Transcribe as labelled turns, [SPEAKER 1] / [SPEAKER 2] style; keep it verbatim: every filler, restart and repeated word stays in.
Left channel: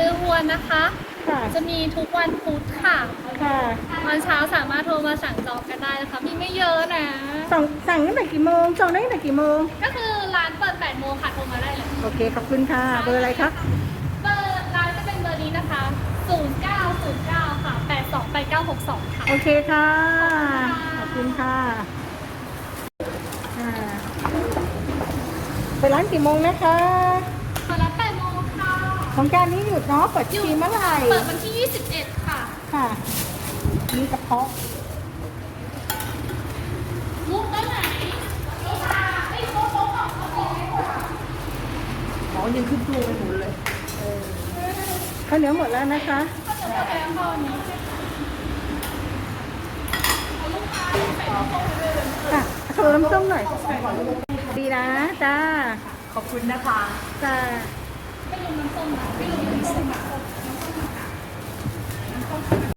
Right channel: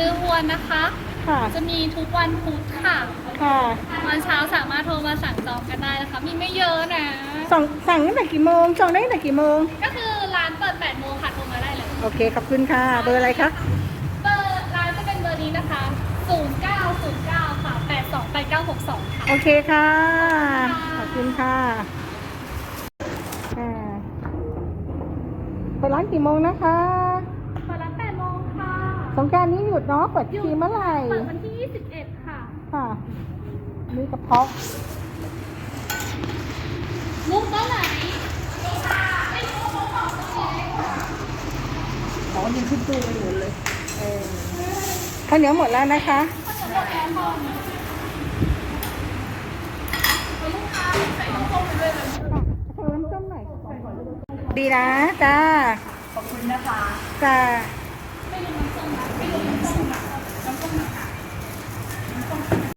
[SPEAKER 1] มือวัวนะคะ
[SPEAKER 2] ค่ะ
[SPEAKER 1] จะมีทุกวันพุธค่ะ
[SPEAKER 2] ค่ะ
[SPEAKER 1] วันเช้าสามารถโทรมาสั่งจองกันได้นะคะมีไม่เยอะนะ
[SPEAKER 2] สั่งสั่งตั้งแต่กี่โมงจองได้ตั้งแต่กี่โมง
[SPEAKER 1] ก็คือร้านเปิดแปดโมงค่ะโทรมาได้เลย
[SPEAKER 2] โอเค ขอบคุณค่ะเบอร์อะไรคะ
[SPEAKER 1] เบอร์ร้านจะเป็นเบอร์นี้นะคะศูนย์ เก้า ศูนย์ เก้า ค่ะ แปด สอง แปด เก้า หก สอง ค่ะ
[SPEAKER 2] โอเคค่ะ ขอบคุณค่ะอ่าไปร้านกี่โมงนะคะ
[SPEAKER 1] ขอรับแปดโมงค่ะ
[SPEAKER 2] สงกรารนี้หยุดเนาะเปิดทีเมื่อไหร่
[SPEAKER 1] เปิดวันที่ยี่สิบเอ็ดค่ะ
[SPEAKER 2] ค่ะ มีกระเพาะ
[SPEAKER 1] มุกโต๊ะไหนไอ้โต๊ะโต๊ะของโต๊ะของ
[SPEAKER 2] อ๋อยังขึ้นตู้กันหมดเลยเออข้าวเหนียวหมดแล้วนะคะ
[SPEAKER 1] ข้าวเหนียวหมดแล้วค่ะเนี่ยเอาลูกค้าใส่น้ำส้มไปด้วยเลย
[SPEAKER 2] ค่ะขอน้ำส้มหน่อย ดีนะ จ้า
[SPEAKER 1] ขอบคุณนะคะ
[SPEAKER 2] จ้า